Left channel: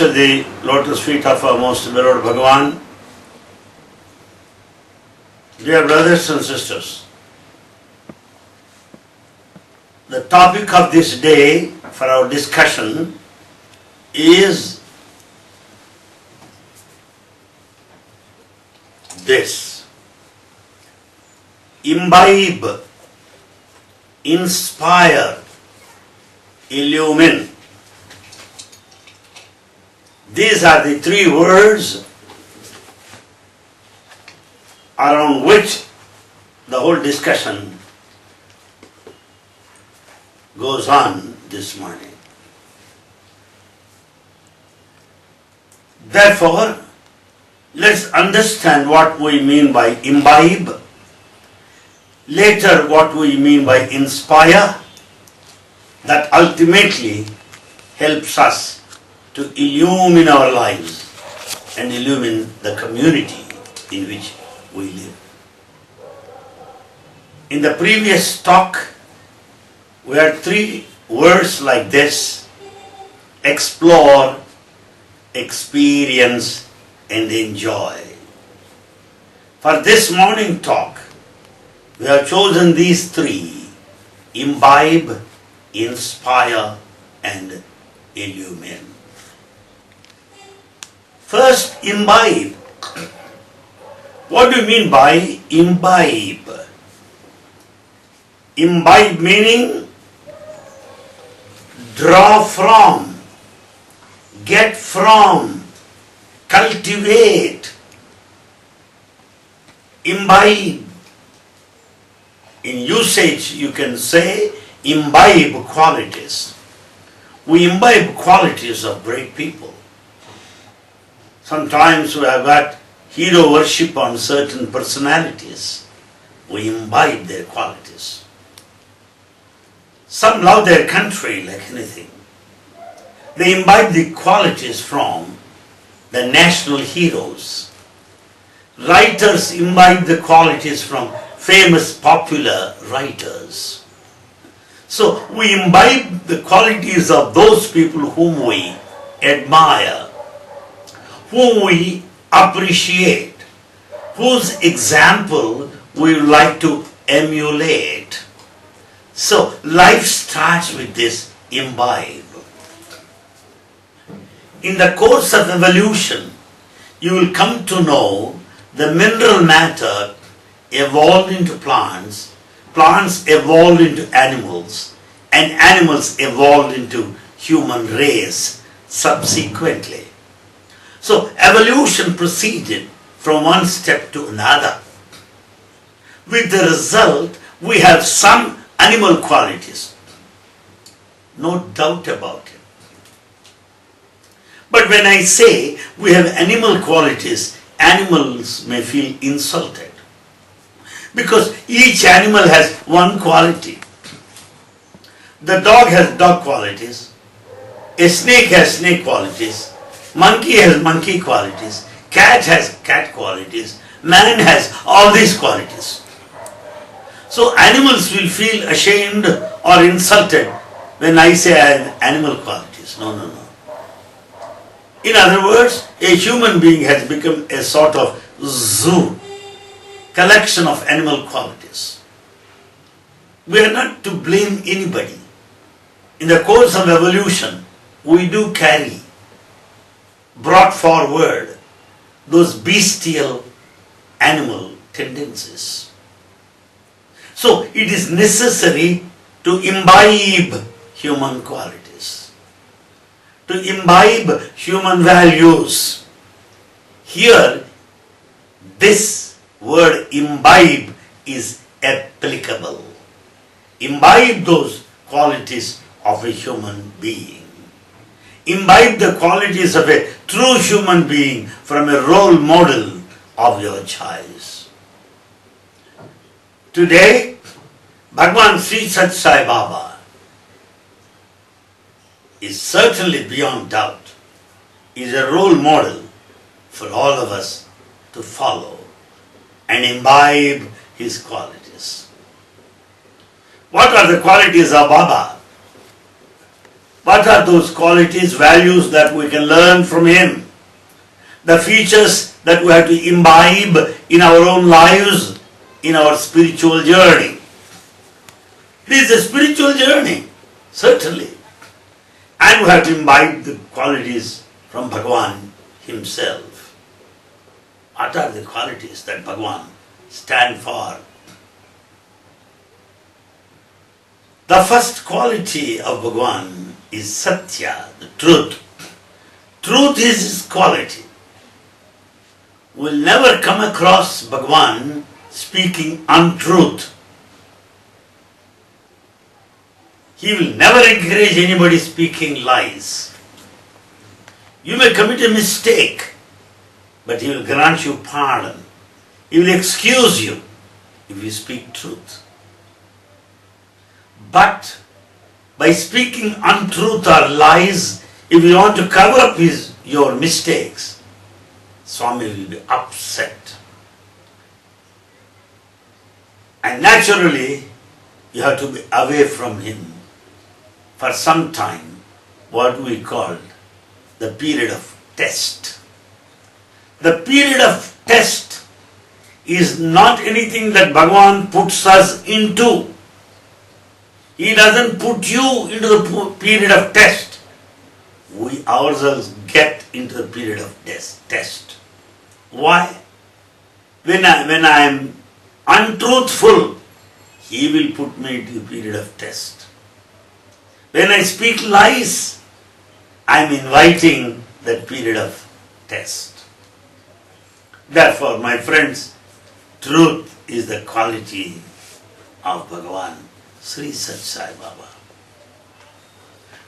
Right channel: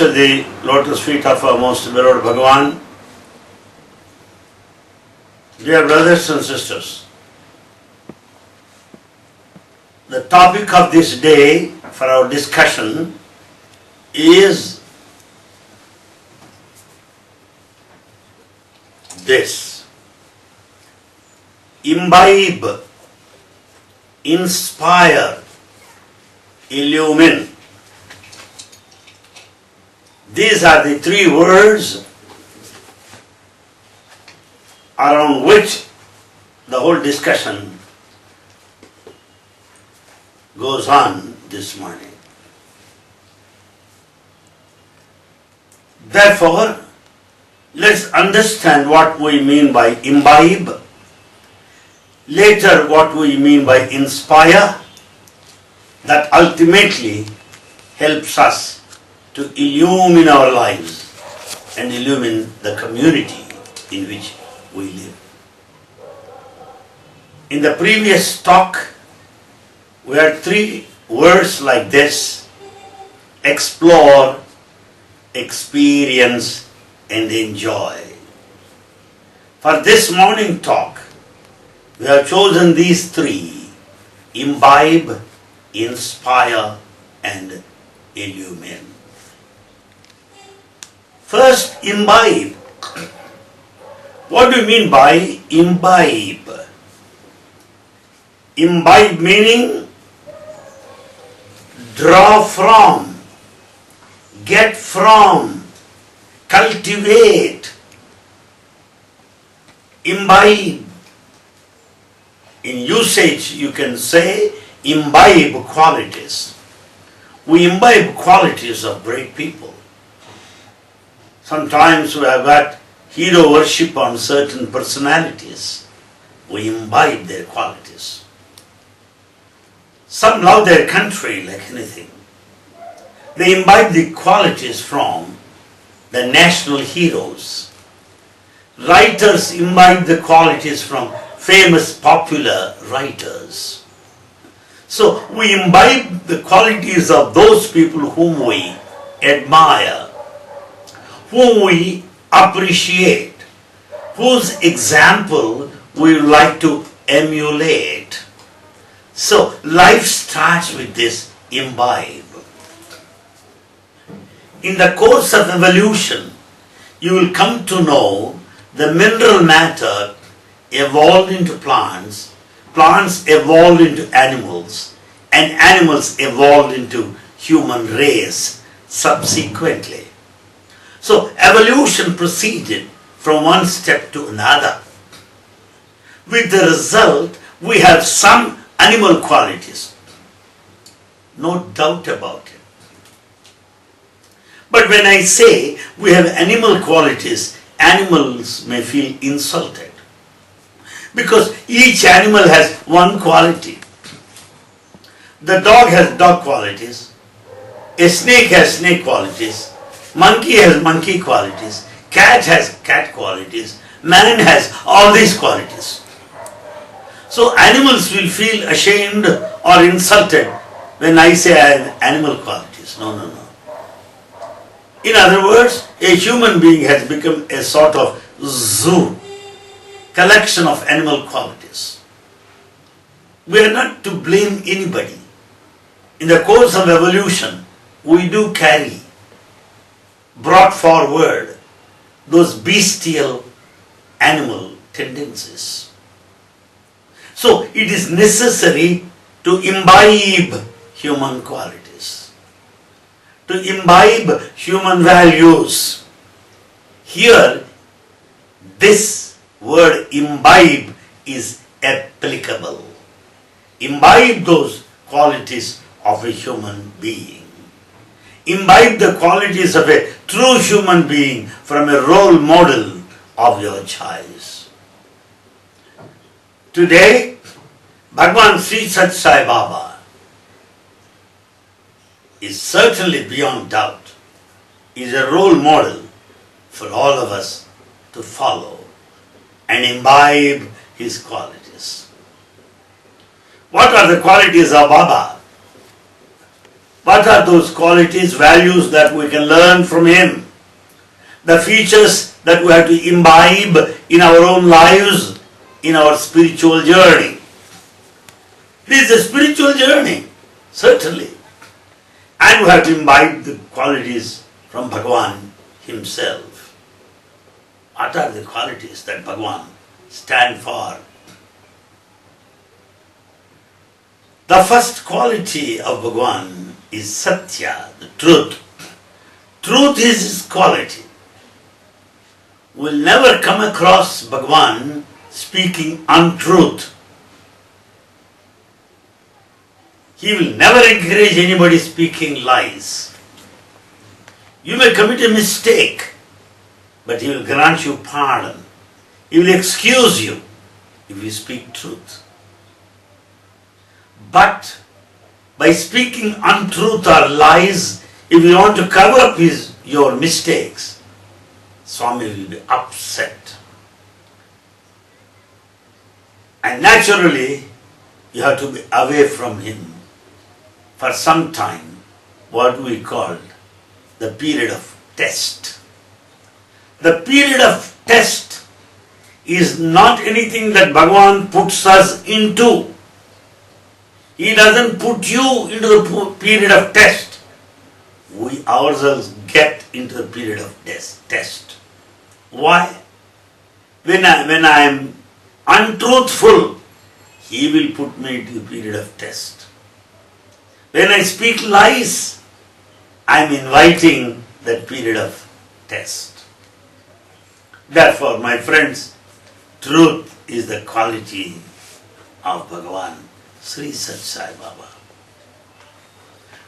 At the lotus feet of our most beloved Bhagavan. Dear brothers and sisters, the topic of this day for our discussion is this: imbibe, inspire, illumine. These are the three words around which the whole discussion goes on this morning. Therefore, let's understand what we mean by imbibe, later what we mean by inspire, that ultimately helps us to illumine our lives and illumine the community in which we live. In the previous talk, we had three words like this: explore, experience, and enjoy. For this morning talk, we have chosen these three: imbibe, inspire, and illumine. First, imbibe. What do you mean by imbibe? Imbibe meaning draw from, get from, cultivate. Imbibe. In usage, you can say imbibe qualities. We imbibe qualities of great people. Sometimes we have got hero worship on certain personalities. We imbibe their qualities. Some love their country like anything. They imbibe the qualities from the national heroes. Writers imbibe the qualities from famous popular writers. So we imbibe the qualities of those people whom we admire, whom we appreciate, whose example we would like to emulate. So life starts with this imbibe. In the course of evolution, you will come to know the mineral matter evolved into plants, plants evolved into animals, and animals evolved into human race subsequently. So evolution proceeded from one step to another. With the result, we have some animal qualities. No doubt about it. But when I say we have animal qualities, animals may feel insulted. Because each animal has one quality. The dog has dog qualities. A snake has snake qualities. Monkey has monkey qualities, cat has cat qualities, man has all these qualities. So animals will feel ashamed or insulted when I say I have animal qualities. No. In other words, a human being has become a sort of zoo, collection of animal qualities. We are not to blame anybody. In the course of evolution, we do carry, brought forward, those bestial animal tendencies. So it is necessary to imbibe human qualities, to imbibe human values. Here, this word imbibe is applicable. Imbibe those qualities of a human being. Imbibe the qualities of a true human being from a role model of your choice. Today, Bhagavan Sri Sat Sai Baba is certainly beyond doubt, is a role model for all of us to follow and imbibe his qualities. What are the qualities of Baba? What are those qualities, values that we can learn from him? The features that we have to imbibe in our own lives, in our spiritual journey. This is a spiritual journey, certainly. And we have to imbibe the qualities from Bhagavan himself. What are the qualities that Bhagavan stands for? The first quality of Bhagavan is Satya, the truth. Truth is his quality. We'll never come across Bhagavan speaking untruth. He will never encourage anybody speaking lies. You may commit a mistake, but he will grant you pardon. He will excuse you if you speak truth. But by speaking untruth or lies, if you want to cover up your mistakes, Swami will be upset. And naturally, you have to be away from him for some time, what we call the period of test. The period of test is not anything that Bhagavan puts us into. He doesn't put you into the period of test. We ourselves get into the period of test. Why? When I am untruthful, he will put me into the period of test. When I speak lies, I am inviting that period of test. Therefore, my friends, truth is the quality of Bhagavan Sri Sat Sai Baba.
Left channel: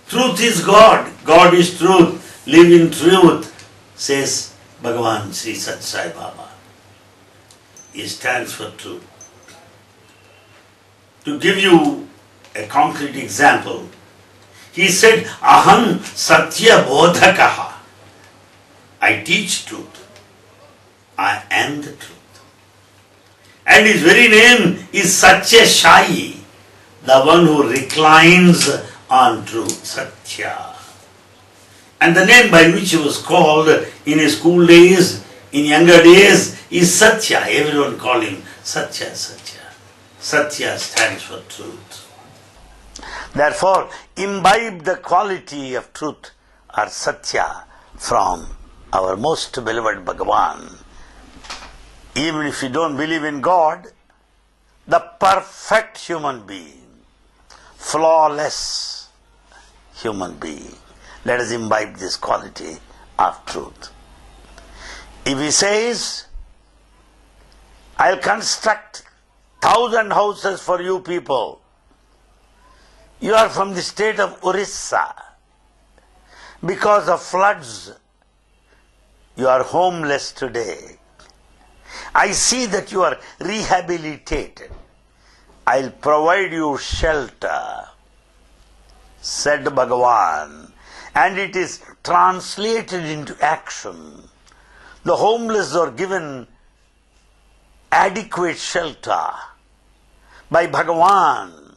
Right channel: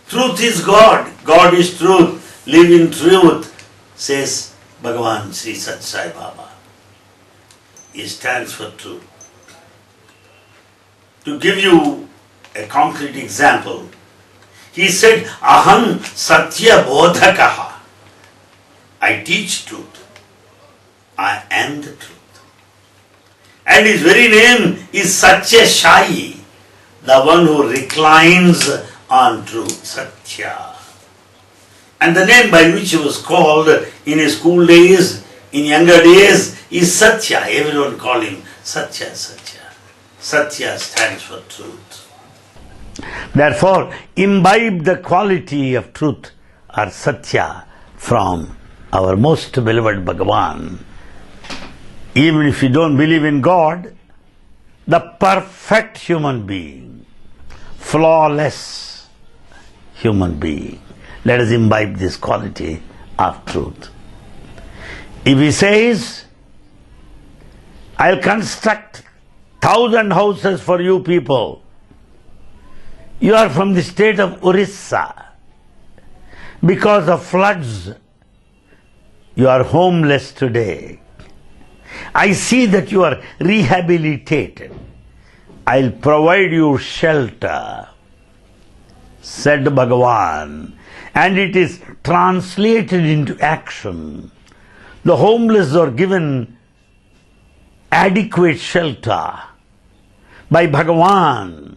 Truth is God. God is truth. Live in truth, says Bhagavan Sri Sat Sai Baba. He stands for truth. To give you a concrete example, he said, Aham Satya Bodhakaha. I teach truth. I am the truth. And his very name is Satya Shai, the one who reclines on truth, Satya. And the name by which he was called in his school days, in younger days, is Satya. Everyone called him Satya, Satya. Satya stands for truth. Therefore, imbibe the quality of truth or Satya from our most beloved Bhagavan. Even if you don't believe in God, the perfect human being, flawless human being. Let us imbibe this quality of truth. If he says, I'll construct 1,000 houses for you people, you are from the state of Orissa. Because of floods, you are homeless today. I see that you are rehabilitated. I'll provide you shelter, said Bhagavan, and it is translated into action. The homeless are given adequate shelter by Bhagavan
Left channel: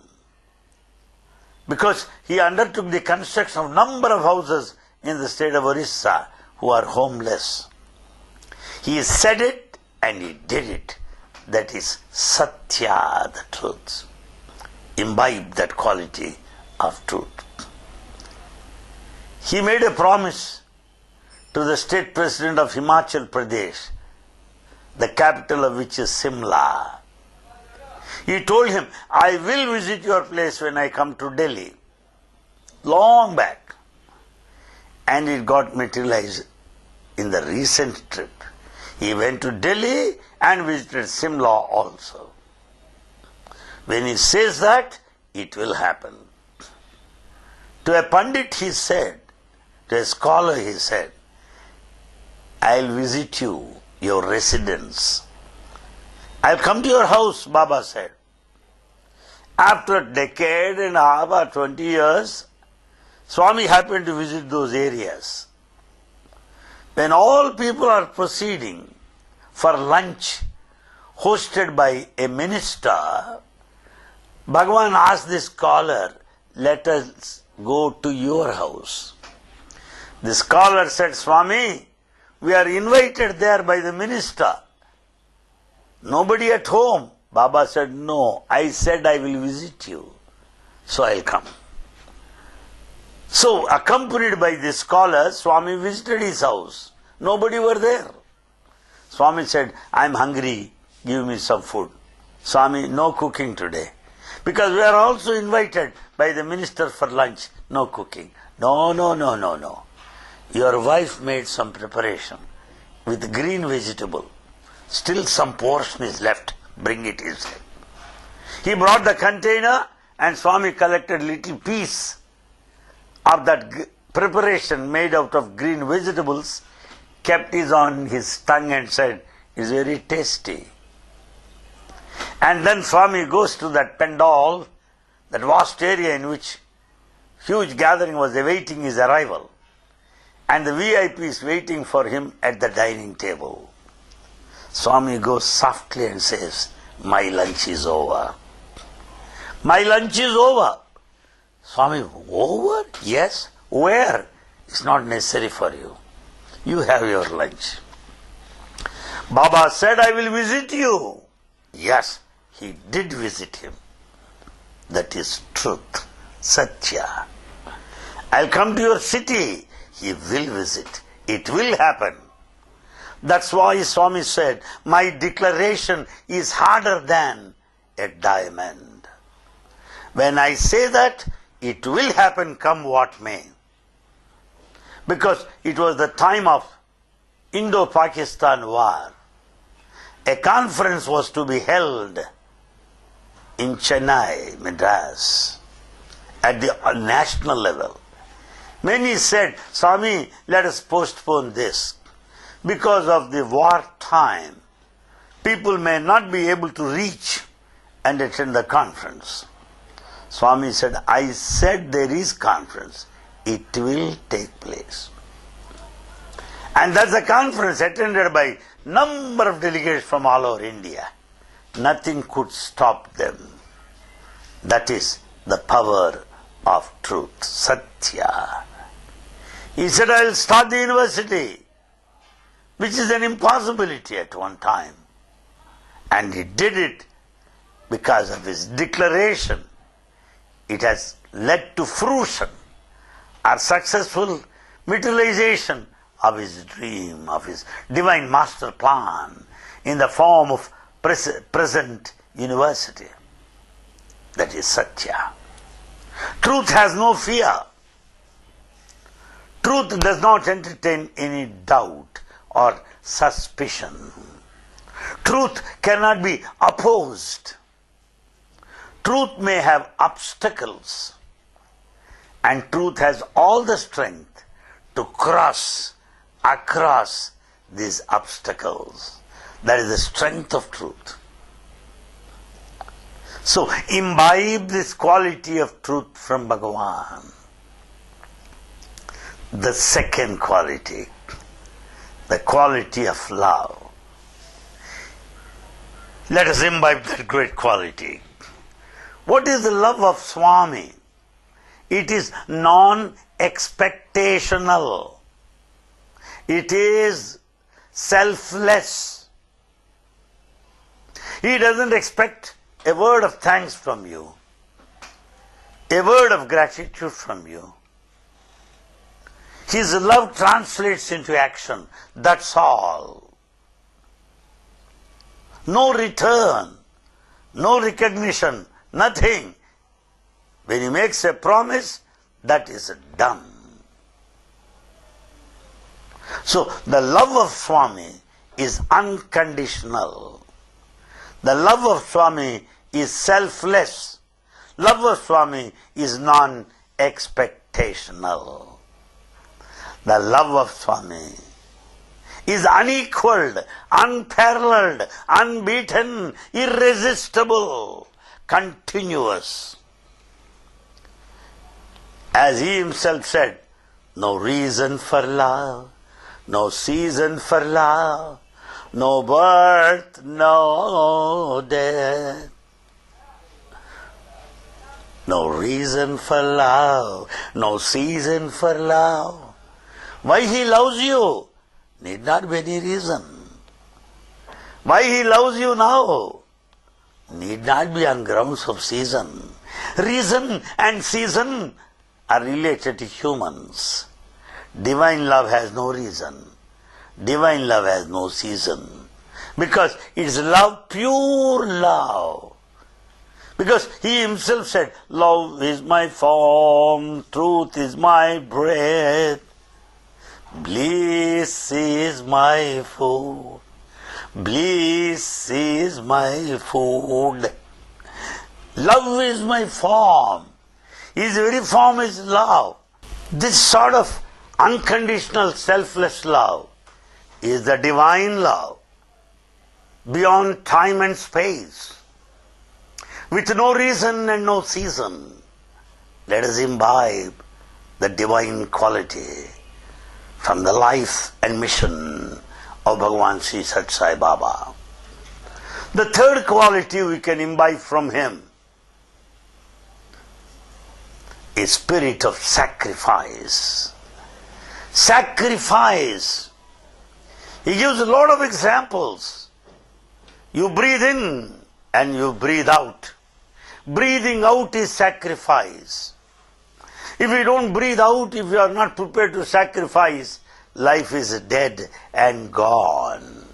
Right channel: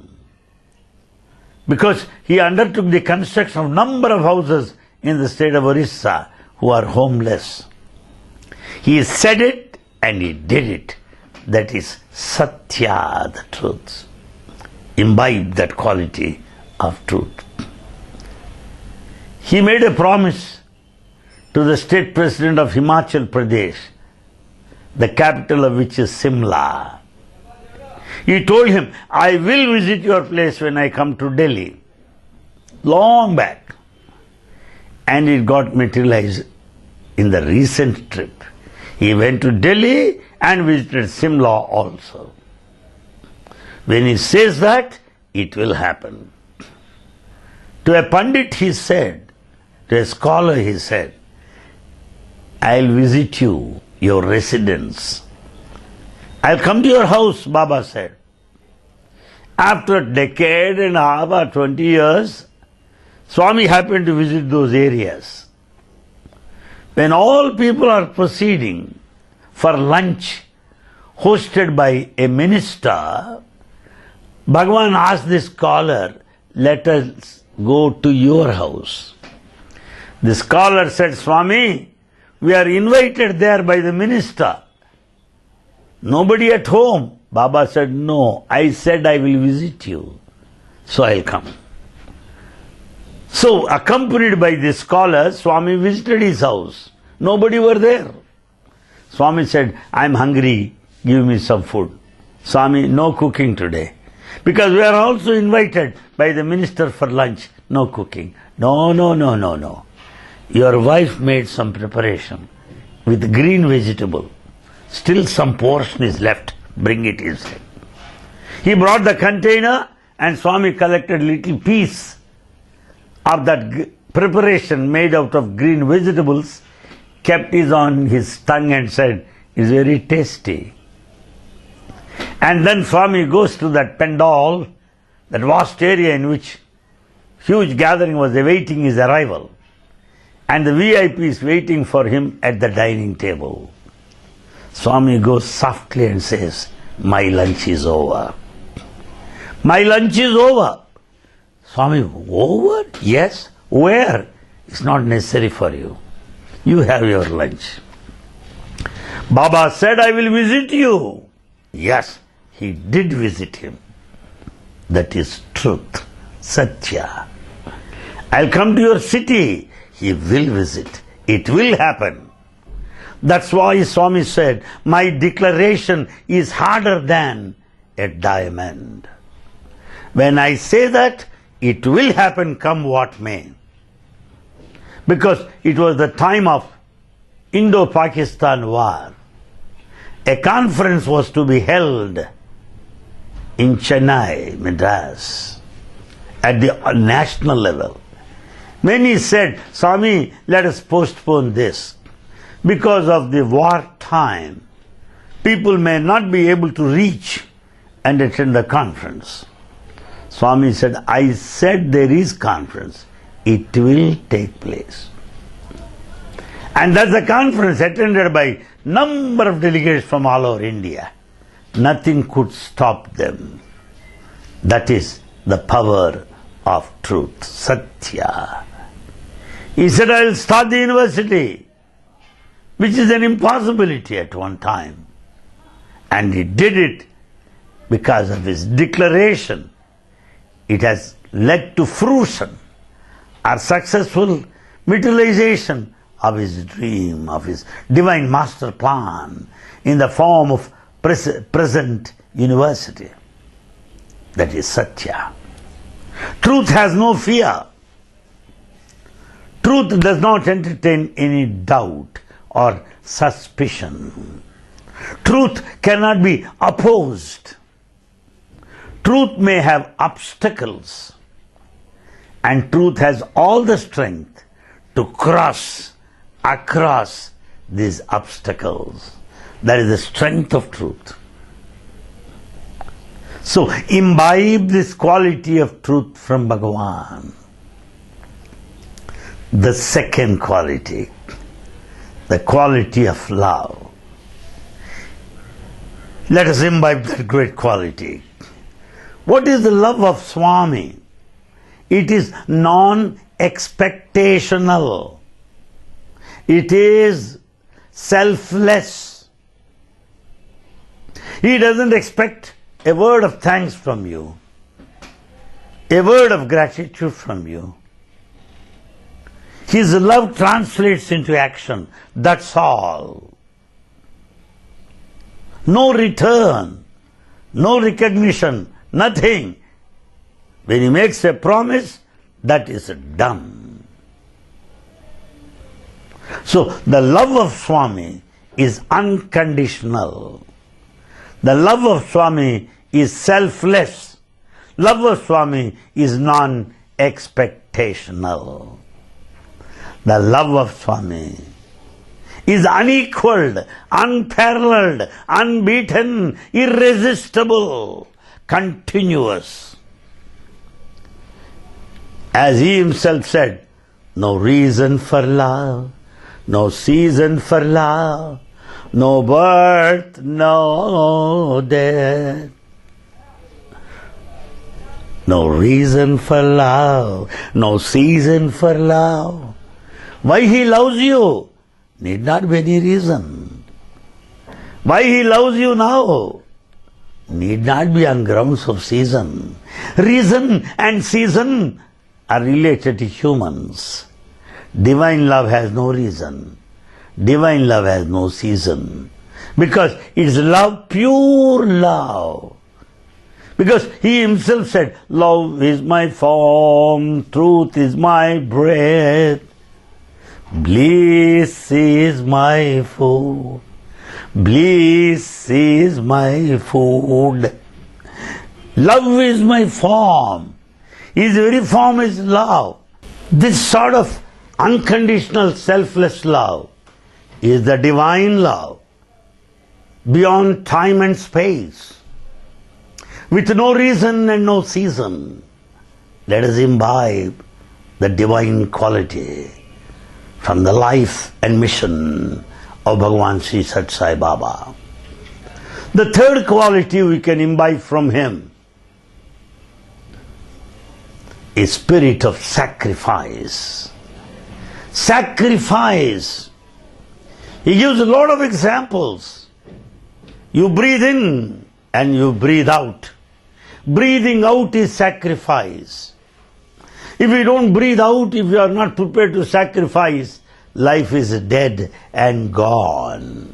because he undertook the construction of number of houses in the state of Orissa who are homeless. He said it and he did it. That is Satya, the truth. imbibe that quality of truth. He made a promise to the state president of Himachal Pradesh, the capital of which is Simla. He told him, I will visit your place when I come to Delhi. Long back. And it got materialized in the recent trip. He went to Delhi and visited Simla also. When he says that, it will happen. To a Pandit he said, to a scholar he said, I'll visit you, your residence. I'll come to your house, Baba said. After a decade and a half or 20 years, Swami happened to visit those areas. When all people are proceeding for lunch hosted by a minister, Bhagavan asked the scholar, let us go to your house. The scholar said, Swami, we are invited there by the minister. Nobody at home. Baba said, no, I said I will visit you, so I'll come. So, accompanied by the scholar, Swami visited his house. Nobody were there. Swami said, I'm hungry, give me some food. Swami, no cooking today. Because we are also invited by the minister for lunch. No cooking. No. Your wife made some preparation with green vegetable. Still some portion is left. Bring it inside. He brought the container and Swami collected little piece of that preparation made out of green vegetables, kept it on his tongue and said, it's very tasty. And then Swami goes to that pandal, that vast area in which huge gathering was awaiting his arrival. And the VIPs waiting for him at the dining table. Swami goes softly and says, my lunch is over. My lunch is over. Swami, over? Yes. Where? It's not necessary for you. You have your lunch. Baba said, I will visit you. Yes, he did visit him. That is truth, Satya. I'll come to your city. He will visit. It will happen. That's why Swami said, my declaration is harder than a diamond. When I say that, it will happen come what may. Because it was the time of Indo-Pakistan war. A conference was to be held in Chennai, Madras, at the national level. Many said, Swami, let us postpone this. Because of the war time, people may not be able to reach and attend the conference. Swami said, I said there is conference. It will take place. And that's a conference attended by number of delegates from all over India. Nothing could stop them. That is the power of truth, Satya. He said, I will start the university, which is an impossibility at one time. And he did it because of his declaration. It has led to fruition or successful materialization of his dream, of his divine master plan in the form of present university. That is Satya. Truth has no fear. Truth does not entertain any doubt or suspicion. Truth cannot be opposed. Truth may have obstacles, and truth has all the strength to cross across these obstacles. That is the strength of truth. So, imbibe this quality of truth from Bhagavan. The second quality, the quality of love. Let us imbibe that great quality. What is the love of Swami? It is non-expectational. It is selfless. He doesn't expect a word of thanks from you. a word of gratitude from you. His love translates into action. That's all. No return, no recognition, nothing. When he makes a promise, that is done. So the love of Swami is unconditional. The love of Swami is selfless. Love of Swami is non-expectational. The love of Swami is unequaled, unparalleled, unbeaten, irresistible, continuous. As he himself said, no reason for love, no season for love, no birth, no death. No reason for love, no season for love. Why he loves you? Need not be any reason. Why he loves you now? Need not be on grounds of season. Reason and season are related to humans. Divine love has no reason. Divine love has no season. Because it's love, pure love. Because he himself said, love is my form, truth is my breath, bliss is my food, bliss is my food. Love is my form. His very form is love. This sort of unconditional selfless love is the divine love, beyond time and space, with no reason and no season. Let us imbibe the divine quality from the life and mission of Bhagavan Sri Sat Sai Baba. The third quality we can imbibe from him is spirit of sacrifice. Sacrifice. He gives a lot of examples. You breathe in and you breathe out. Breathing out is sacrifice. If you don't breathe out, if you are not prepared to sacrifice, life is dead and gone.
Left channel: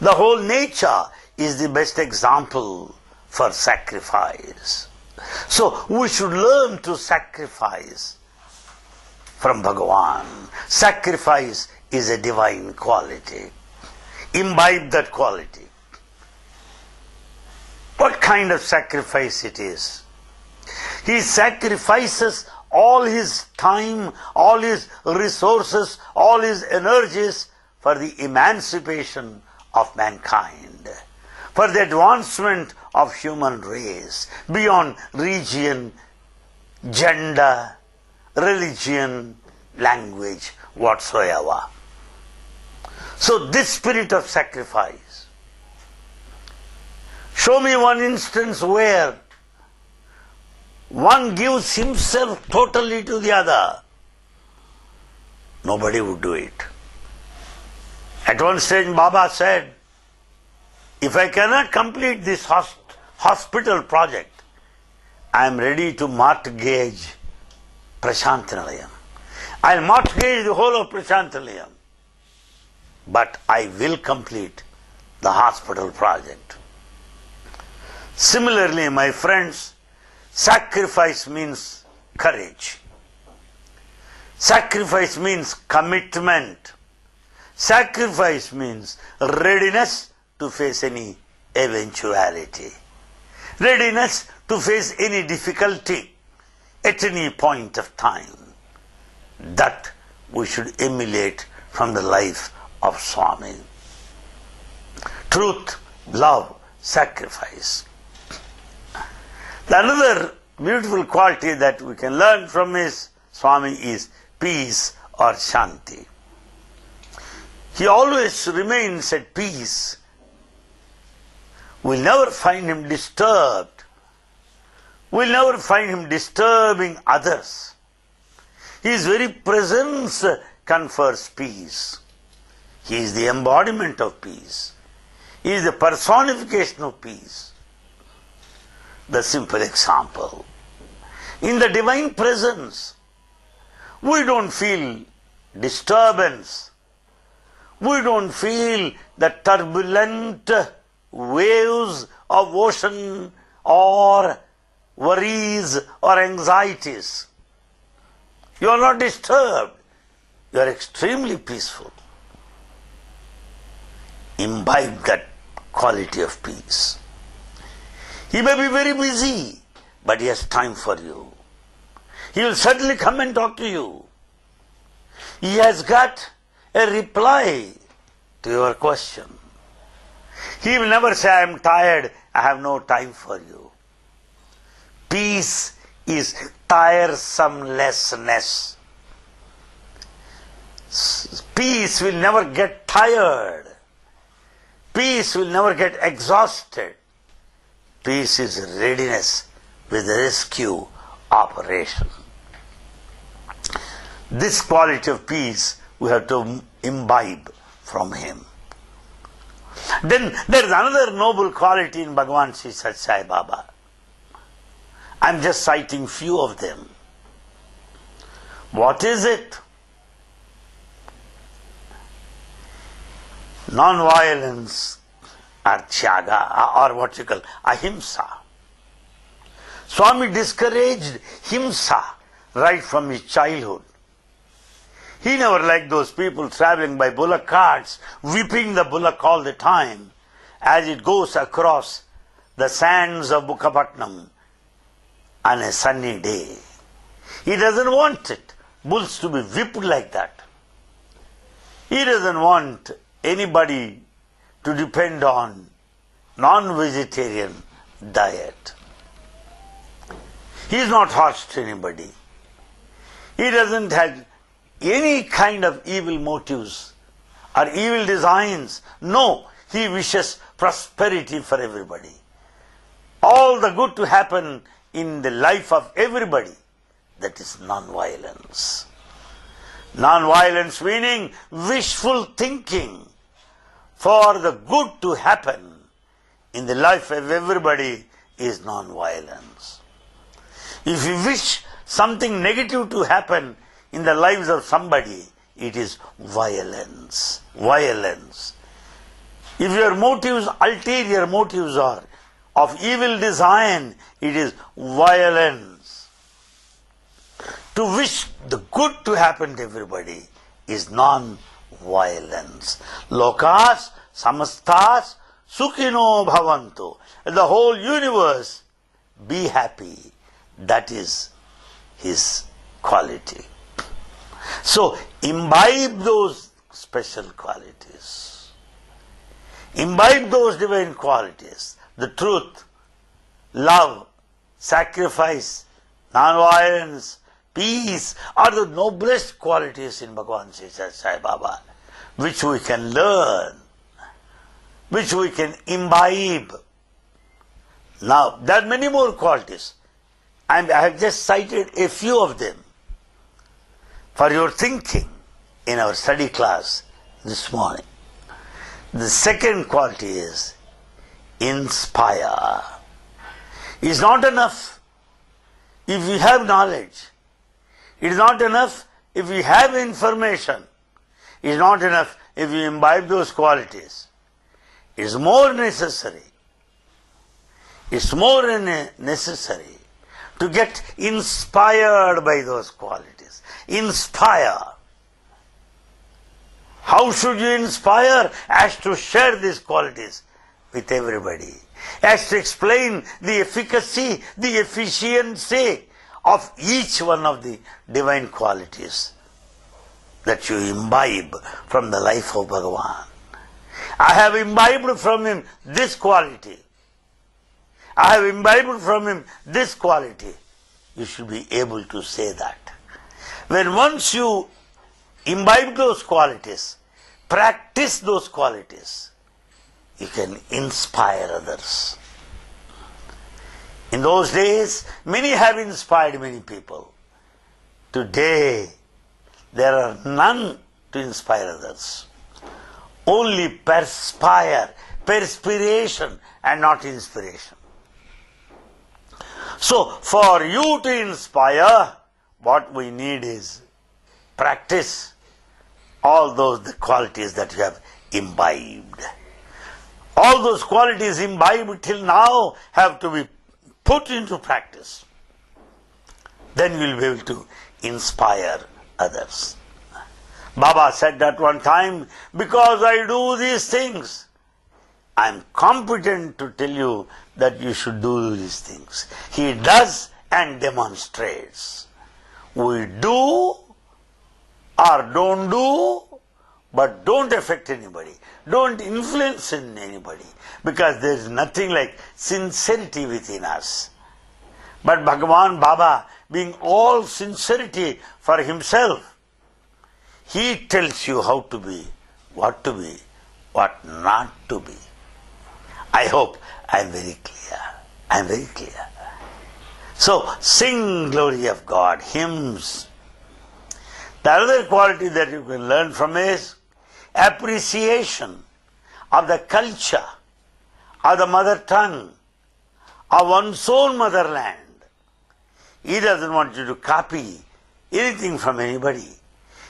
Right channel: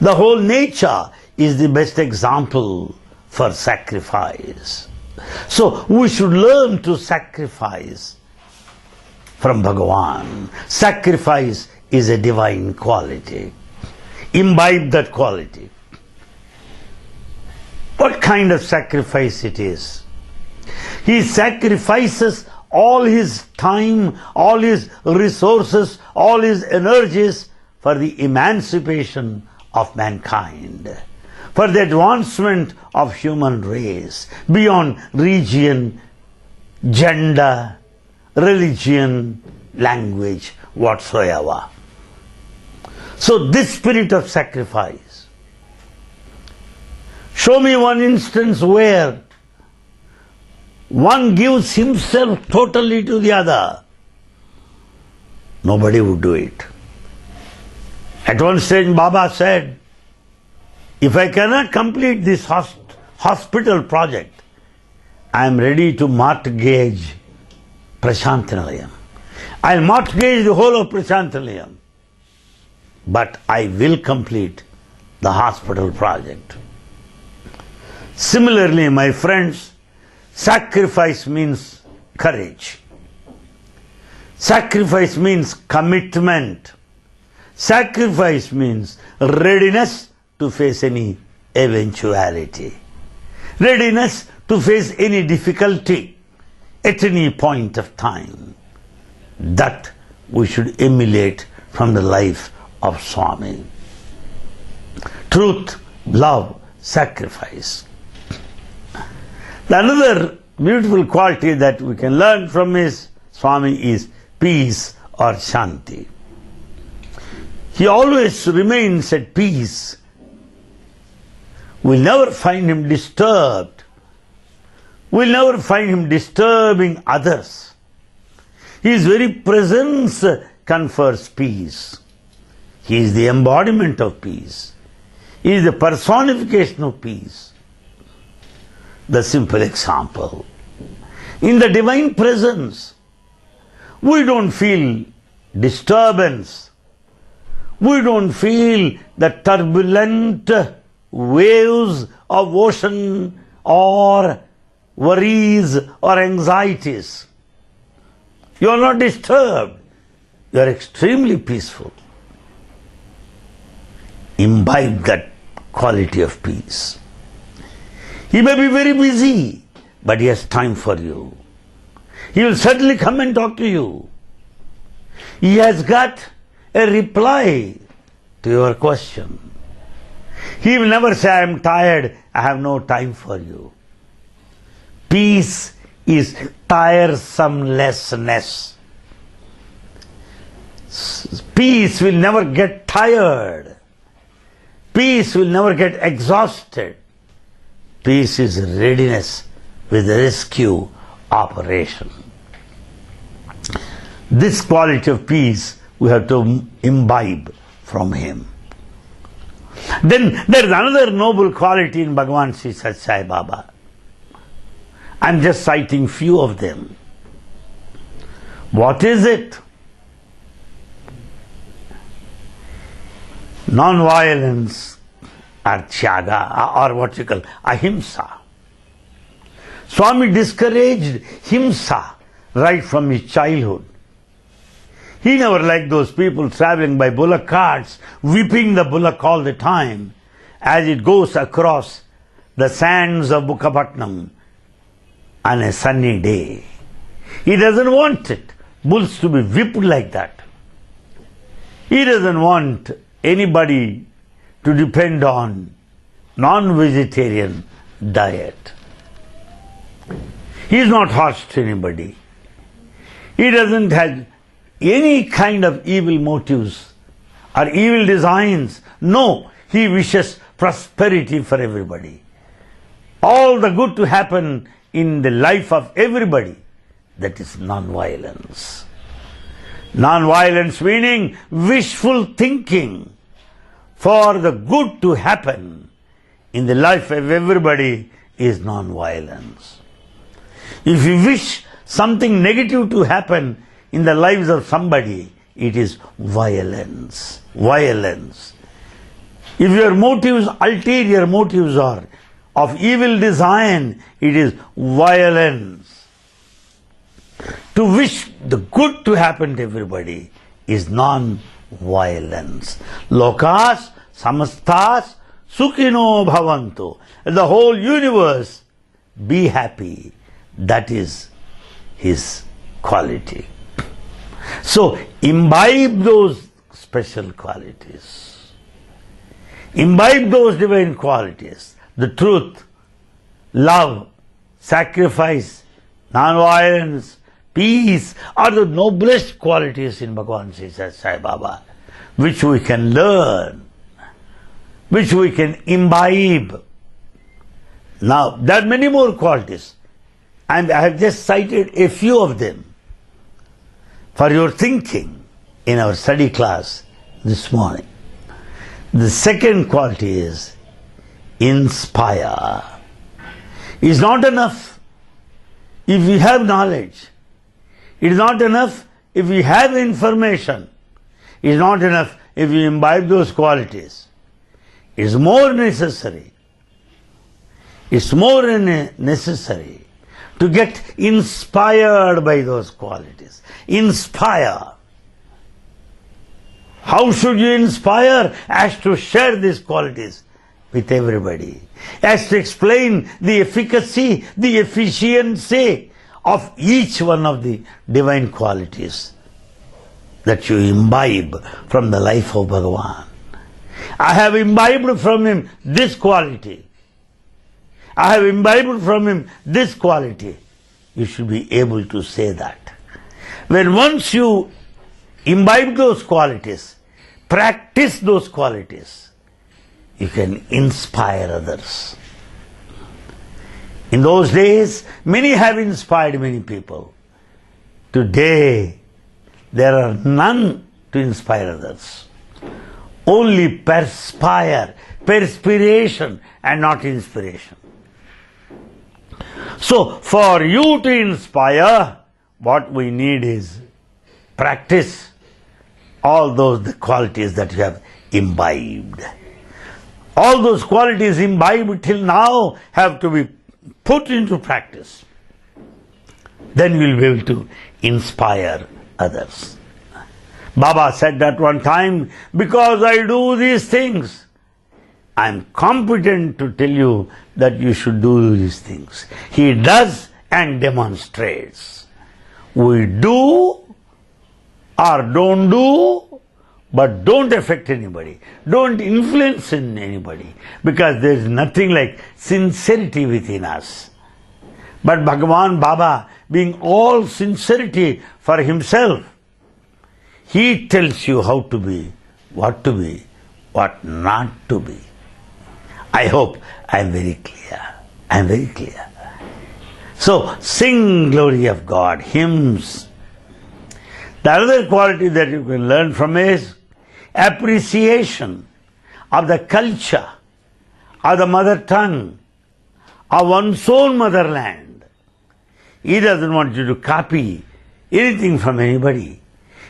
The whole nature is the best example for sacrifice. So we should learn to sacrifice from Bhagavan. Sacrifice is a divine quality. Imbibe that quality. What kind of sacrifice it is? He sacrifices all his time, all his resources, all his energies for the emancipation of mankind, for the advancement of human race, beyond region, gender, religion, language, whatsoever. So this spirit of sacrifice. Show me one instance where one gives himself totally to the other. Nobody would do it. At one stage Baba said, if I cannot complete this hospital project, I am ready to mortgage Prashanti Nilayam. I will mortgage the whole of Prashanti Nilayam. But I will complete the hospital project. Similarly, my friends, sacrifice means courage. Sacrifice means commitment. Sacrifice means readiness to face any eventuality. Readiness to face any difficulty at any point of time. That we should emulate from the life of Swami. Truth, love, sacrifice. Another beautiful quality that we can learn from his Swami is peace or Shanti. He always remains at peace. We'll never find him disturbed. We'll never find him disturbing others. His very presence confers peace. He is the embodiment of peace. He is the personification of peace. The simple example. In the divine presence, we don't feel disturbance. We don't feel the turbulent waves of ocean or worries or anxieties. You are not disturbed. You are extremely peaceful. Imbibe that quality of peace. He may be very busy, but he has time for you. He will certainly come and talk to you. He has got a reply to your question. He will never say, I am tired, I have no time for you. Peace is tiresomelessness. Peace will never get tired. Peace will never get exhausted. Peace is readiness with rescue operation. This quality of peace we have to imbibe from him. Then there is another noble quality in Bhagavan Sri Sathya Sai Baba. I am just citing few of them. What is it? Non-violence or tyaga, or what you call ahimsa. Swami discouraged himsa right from his childhood. He never liked those people traveling by bullock carts, whipping the bullock all the time as it goes across the sands of Bukkapatnam on a sunny day. He doesn't want it, bulls to be whipped like that. He doesn't want anybody to depend on non-vegetarian diet. He is not harsh to anybody. He doesn't have any kind of evil motives or evil designs. No, he wishes prosperity for everybody. All the good to happen in the life of everybody. That is non-violence. Non-violence meaning wishful thinking for the good to happen in the life of everybody is non-violence. If you wish something negative to happen in the lives of somebody, it is violence. Violence. If your motives, ulterior motives are of evil design, it is violence. To wish the good to happen to everybody is non-violence. Lokas samastas sukhino bhavantu. The whole universe be happy. That is his quality. So imbibe those special qualities. Imbibe those divine qualities. The truth, love, sacrifice, non-violence, peace are the noblest qualities in Bhagavan Sri Sathya Sai Baba, which we can learn, which we can imbibe. Now, there are many more qualities, and I have just cited a few of them for your thinking in our study class this morning. The second quality is inspire. It's not enough if we have knowledge. It is not enough if we have information. It is not enough if we imbibe those qualities. It is more necessary. It's more necessary to get inspired by those qualities. Inspire. How should you inspire? As to share these qualities with everybody. As to explain the efficacy, the efficiency of each one of the divine qualities that you imbibe from the life of Bhagavan. I have imbibed from him this quality. I have imbibed from him this quality. You should be able to say that. When once you imbibe those qualities, practice those qualities, you can inspire others. In those days, many have inspired many people. Today, there are none to inspire others. Only perspiration and not inspiration. So, for you to inspire, what we need is practice all those qualities that you have imbibed. All those qualities imbibed till now have to be put into practice. Then you will be able to inspire others. Baba said at one time, because I do these things, I am competent to tell you that you should do these things. He does and demonstrates. We do or don't do, but don't affect anybody. Don't influence anybody, because there is nothing like sincerity within us. But Bhagavan Baba, being all sincerity for himself, he tells you how to be, what not to be. I hope I am very clear. I am very clear. So, sing glory of God, hymns. The other quality that you can learn from is appreciation of the culture, of the mother tongue, of one's own motherland. He doesn't want you to copy anything from anybody.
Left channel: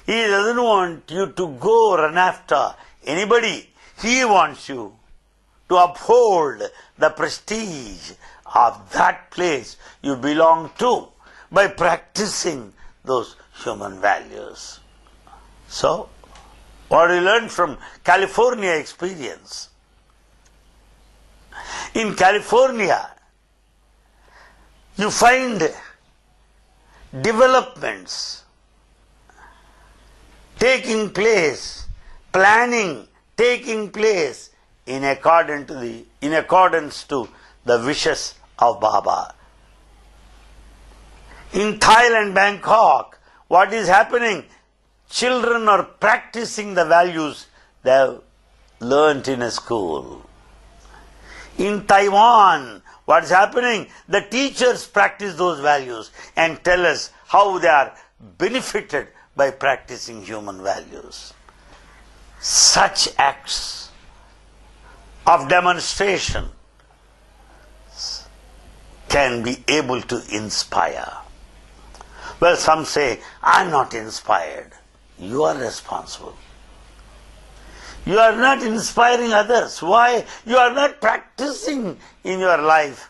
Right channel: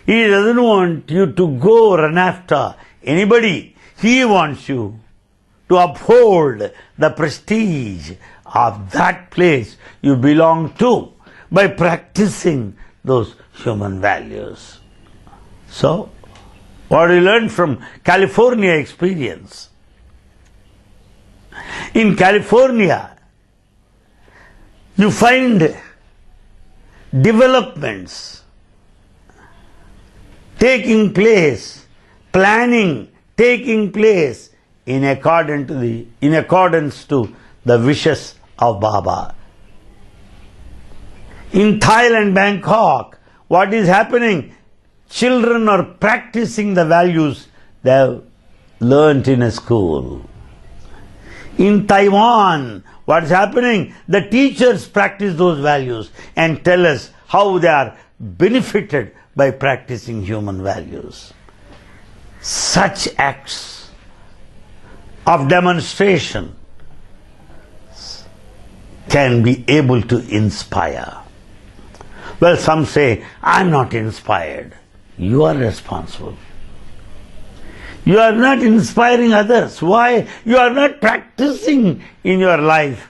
He doesn't want you to go run after anybody. He wants you to uphold the prestige of that place you belong to by practicing those human values. So, what we learned from California experience. In California, you find developments taking place, planning taking place in accordance to the wishes of Baba. In Thailand, Bangkok, what is happening? Children are practicing the values they have learnt in a school. In Taiwan, what is happening? The teachers practice those values and tell us how they are benefited by practicing human values. Such acts of demonstration can be able to inspire. Well, some say, I'm not inspired. You are responsible. You are not inspiring others. Why? You are not practicing in your life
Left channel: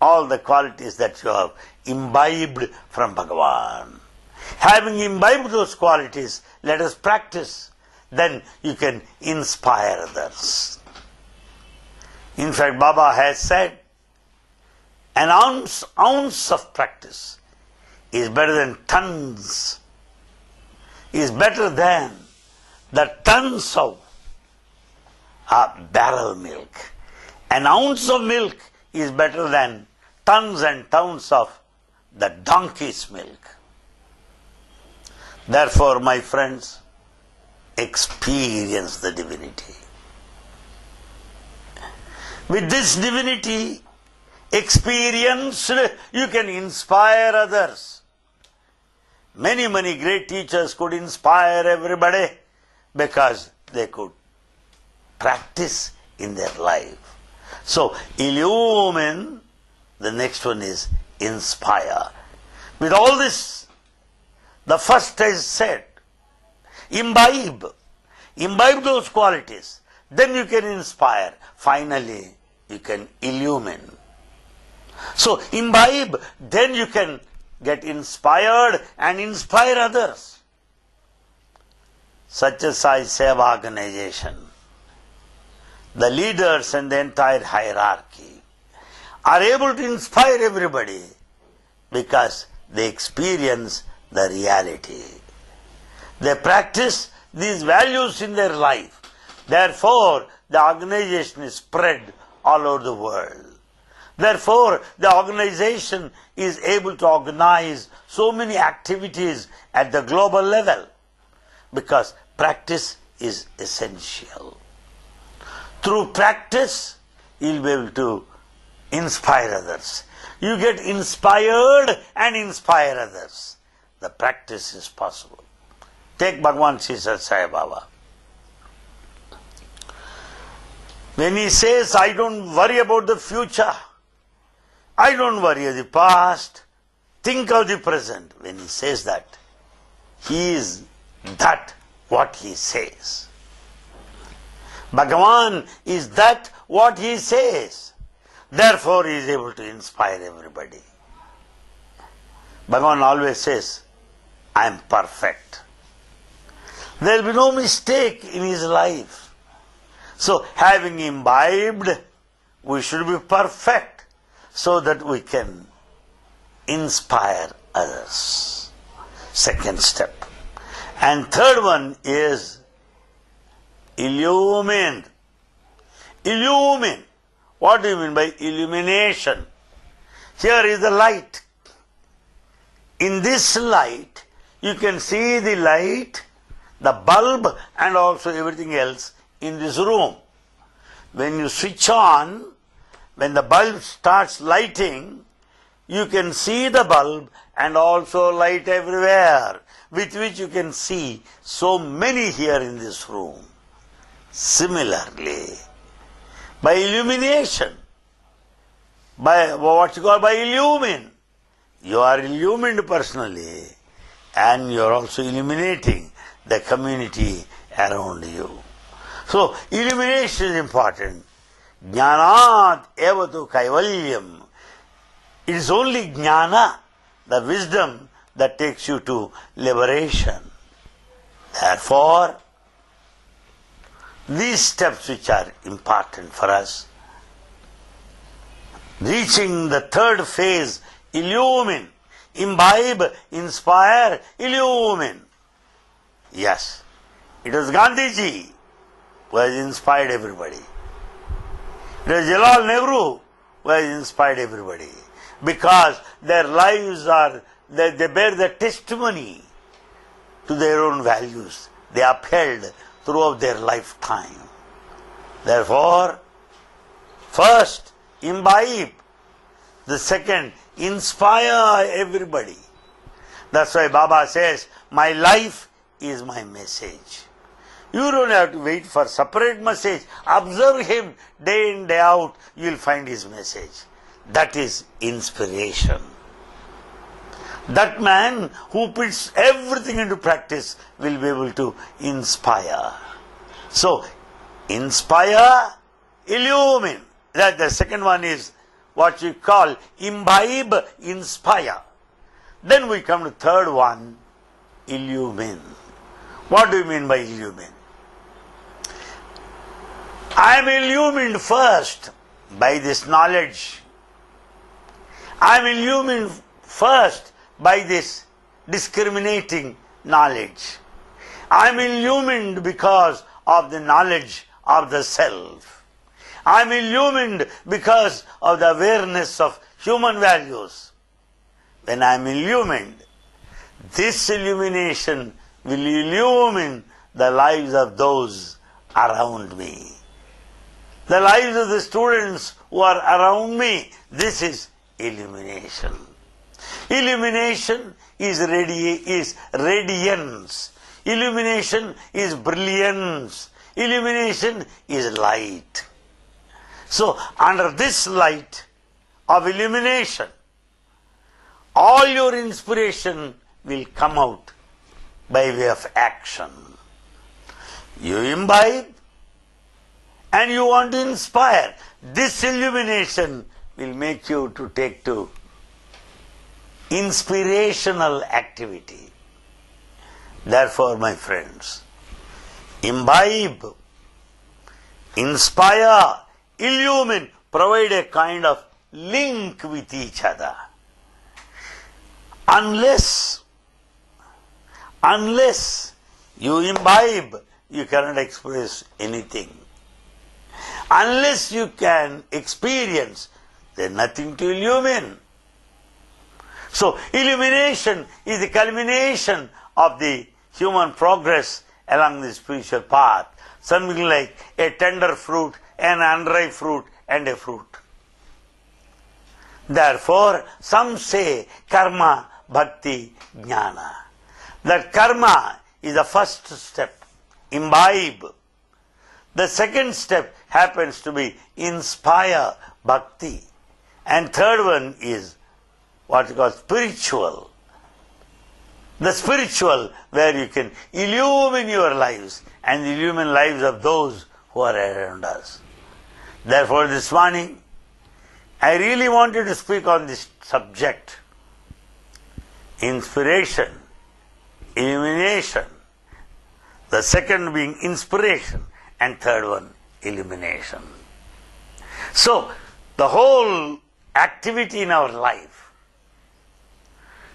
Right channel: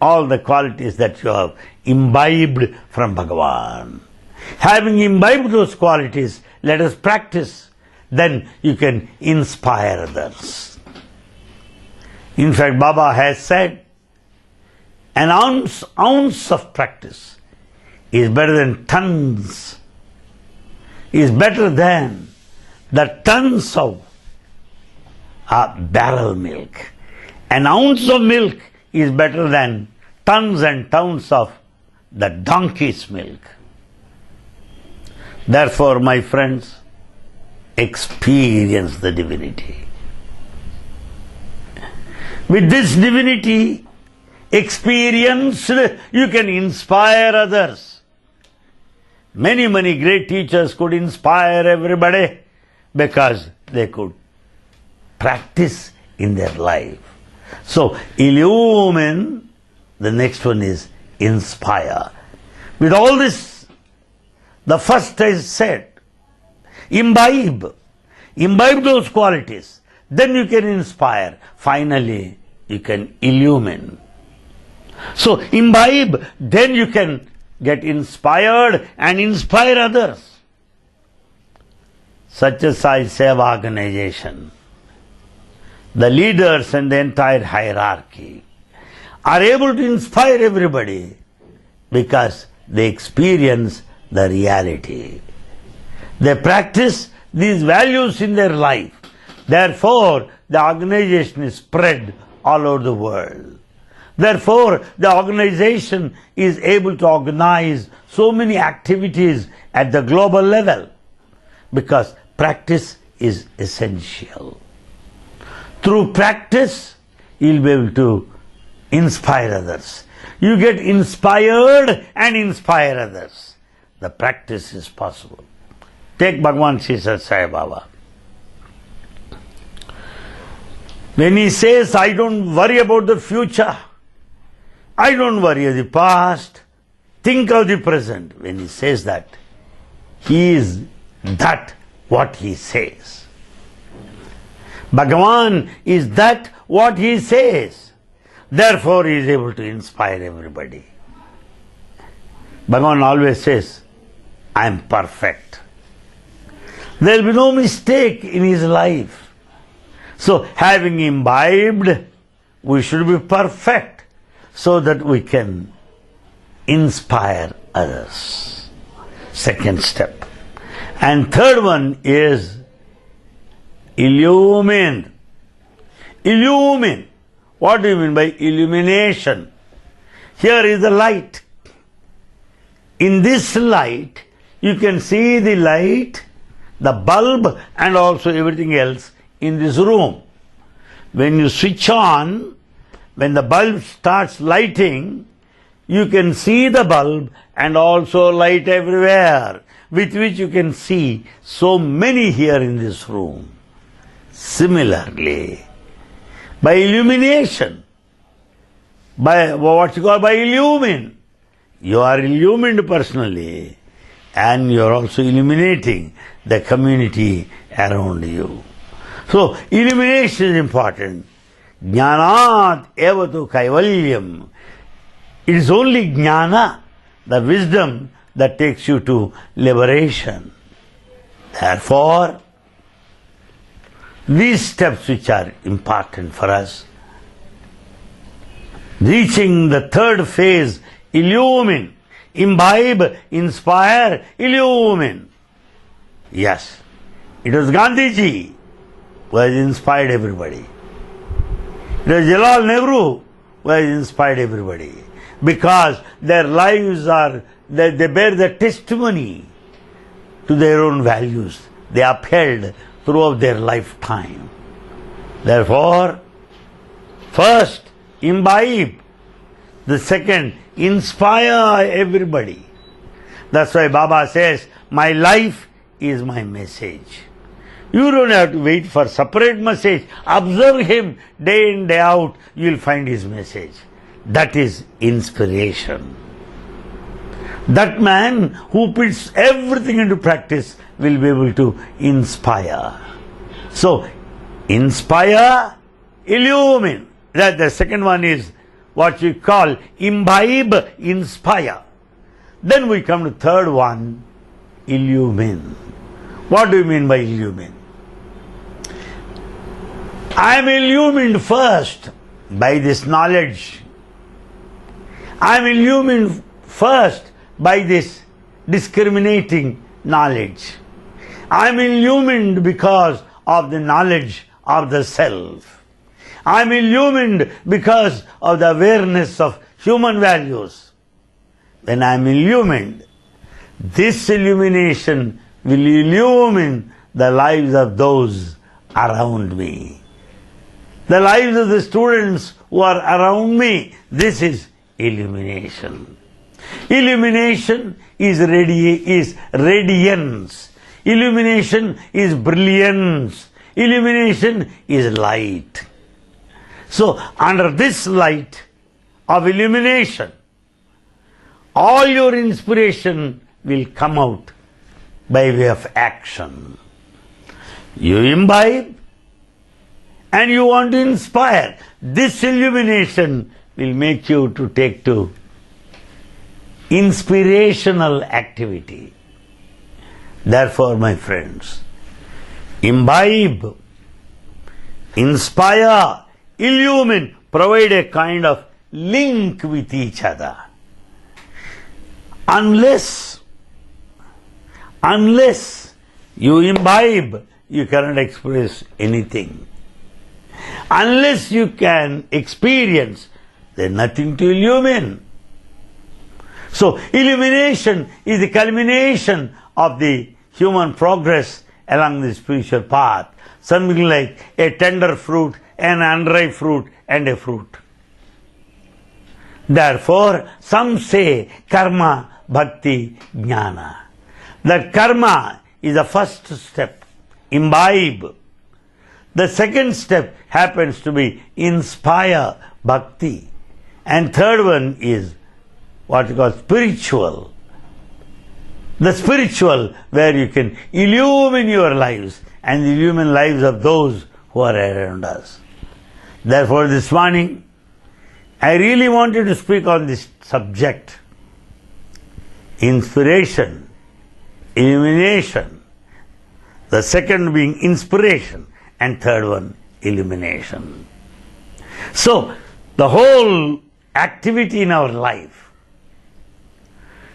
all the qualities that you have imbibed from Bhagavan. Having imbibed those qualities, let us practice. Then you can inspire others. In fact, Baba has said, an ounce of practice is better than tons, is better than the tons of barrel milk. An ounce of milk is better than tons and tons of the donkey's milk. Therefore, my friends, experience the divinity. With this divinity experienced, you can inspire others. Many great teachers could inspire everybody because they could practice in their life. So, illumine, the next one is inspire. With all this, the first I said, imbibe those qualities. Then you can inspire. Finally, you can illumine. So, imbibe, then you can get inspired and inspire others. Satya Sai Seva organization, the leaders and the entire hierarchy are able to inspire everybody because they experience the reality. They practice these values in their life. Therefore, the organization is spread all over the world. Therefore, the organization is able to organize so many activities at the global level because practice is essential. Through practice, you'll be able to inspire others. You get inspired and inspire others. The practice is possible. Take Bhagavan Sri Sathya Sai Baba. When he says, I don't worry about the future, I don't worry of the past, think of the present. When he says that, he is that what he says. Bhagavan is that what he says. Therefore he is able to inspire everybody. Bhagavan always says, I am perfect. There will be no mistake in his life. So having imbibed, we should be perfect so that we can inspire others. Second step. And third one is illumine. Illumine. What do you mean by illumination? Here is the light. In this light, you can see the light, the bulb, and also everything else in this room. When you switch on, when the bulb starts lighting, you can see the bulb and also light everywhere, with which you can see so many here in this room. Similarly, by illumination, by what you call by illumine, you are illumined personally and you are also illuminating the community around you. So, illumination is important. Jnanat evatu kaivalyam. It is only jnana, the wisdom, that takes you to liberation. Therefore, these steps which are important for us, reaching the third phase, illumine, imbibe, inspire, illumine. Yes, it was Gandhiji who has inspired everybody. It was Jalal Nehru who has inspired everybody. Because their lives are, they bear the testimony to their own values. They upheld throughout their lifetime. Therefore, first, imbibe. The second, inspire everybody. That's why Baba says, my life is my message. You don't have to wait for separate message. Observe him day in, day out. You will find his message. That is inspiration. That man who puts everything into practice will be able to inspire. So, inspire, illumine. That the second one is what we call imbibe, inspire. Then we come to third one, illumine. What do you mean by illumine? I am illumined first by this knowledge. I am illumined first by this discriminating knowledge. I am illumined because of the knowledge of the self. I am illumined because of the awareness of human values. When I am illumined, this illumination will illumine the lives of those around me. The lives of the students who are around me. This is illumination. Illumination is radiance. Illumination is brilliance. Illumination is light. So, under this light of illumination, all your inspiration will come out by way of action. You imbibe and you want to inspire. This illumination will make you to take to inspirational activity. Therefore, my friends, imbibe, inspire, illumine, provide a kind of link with each other. Unless you imbibe, you cannot express anything. Unless you can experience, there is nothing to illumine. So, illumination is the culmination of the human progress along the spiritual path. Something like a tender fruit, an unripe fruit, and a fruit. Therefore, some say karma, bhakti, jnana. That karma is the first step, imbibe. The second step happens to be inspire, bhakti. And third one is what you call spiritual. The spiritual, where you can illumine your lives and illumine lives of those who are around us. Therefore, this morning, I really wanted to speak on this subject. Inspiration, illumination. The second being inspiration, and third one, illumination. So, the whole activity in our life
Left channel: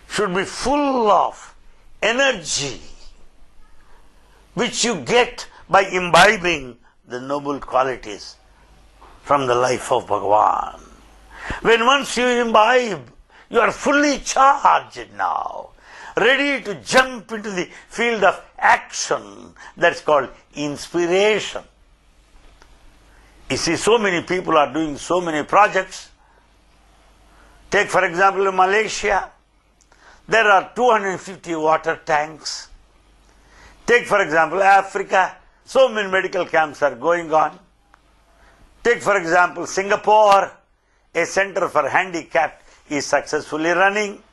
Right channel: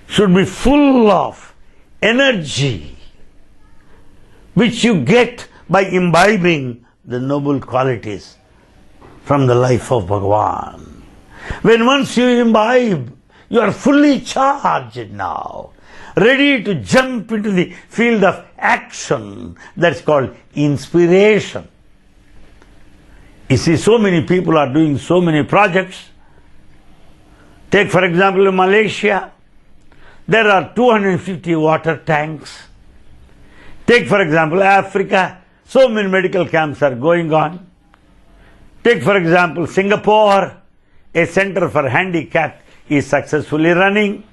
should be full of energy, which you get by imbibing the noble qualities from the life of Bhagavan. When once you imbibe, you are fully charged now, ready to jump into the field of action. That's called inspiration. You see, so many people are doing so many projects. Take, for example, in Malaysia, there are 250 water tanks. Take, for example, Africa, so many medical camps are going on. Take, for example, Singapore, a center for handicapped is successfully running.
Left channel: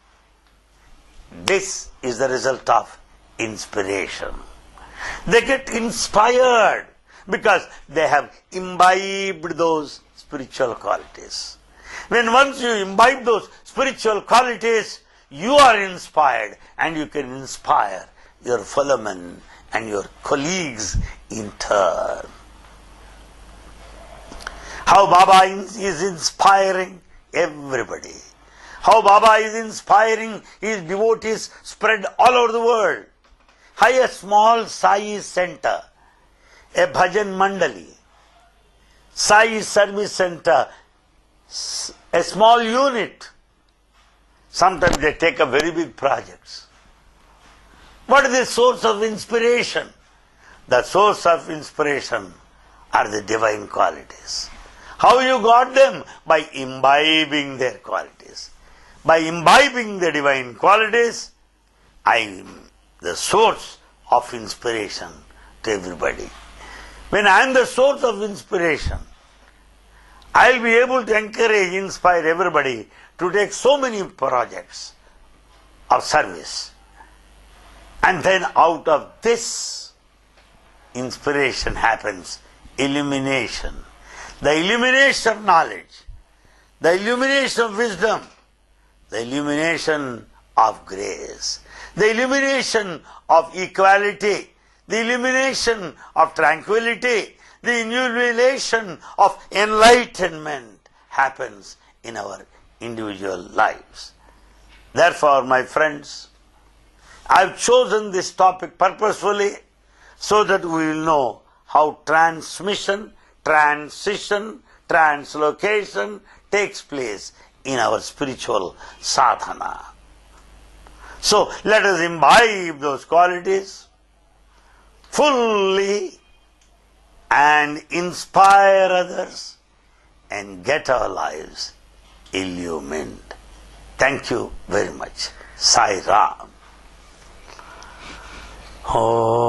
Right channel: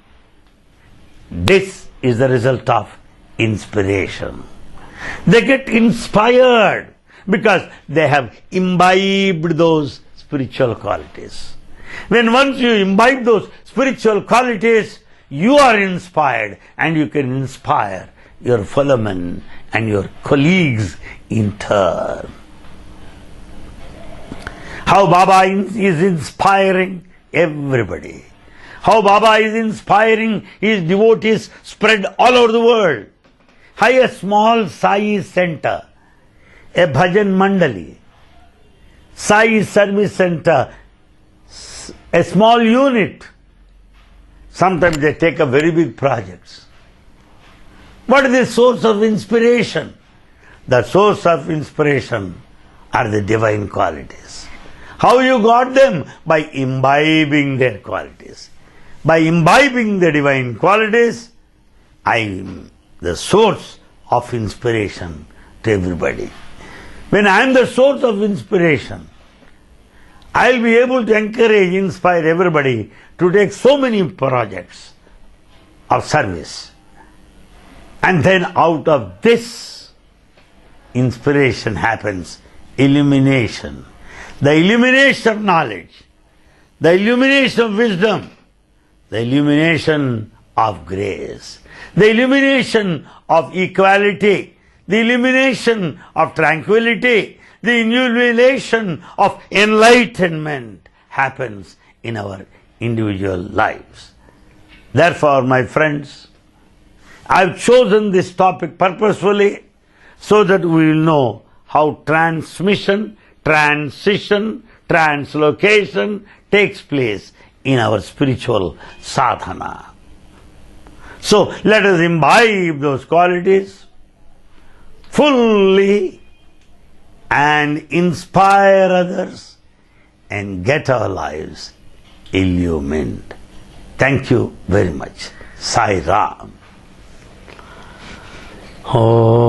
This is the result of inspiration. They get inspired because they have imbibed those spiritual qualities. When once you imbibe those spiritual qualities, you are inspired and you can inspire your fellow men and your colleagues in turn. How Baba is inspiring everybody. How Baba is inspiring his devotees spread all over the world. How a small Sai center, a bhajan mandali, Sai service center, a small unit, sometimes they take up very big projects. What is the source of inspiration? The source of inspiration are the divine qualities. How you got them? By imbibing their qualities. By imbibing the divine qualities, I am the source of inspiration to everybody. When I am the source of inspiration, I will be able to encourage, inspire everybody to take so many projects of service. And then out of this inspiration happens illumination. The illumination of knowledge, the illumination of wisdom, the illumination of grace, the illumination of equality, the illumination of tranquility, the illumination of enlightenment happens in our individual lives. Therefore, my friends, I have chosen this topic purposefully so that we will know how transmission, transition, translocation takes place in our spiritual sadhana. So let us imbibe those qualities fully and inspire others and get our lives illumined. Thank you very much. Sai Ram. Oh.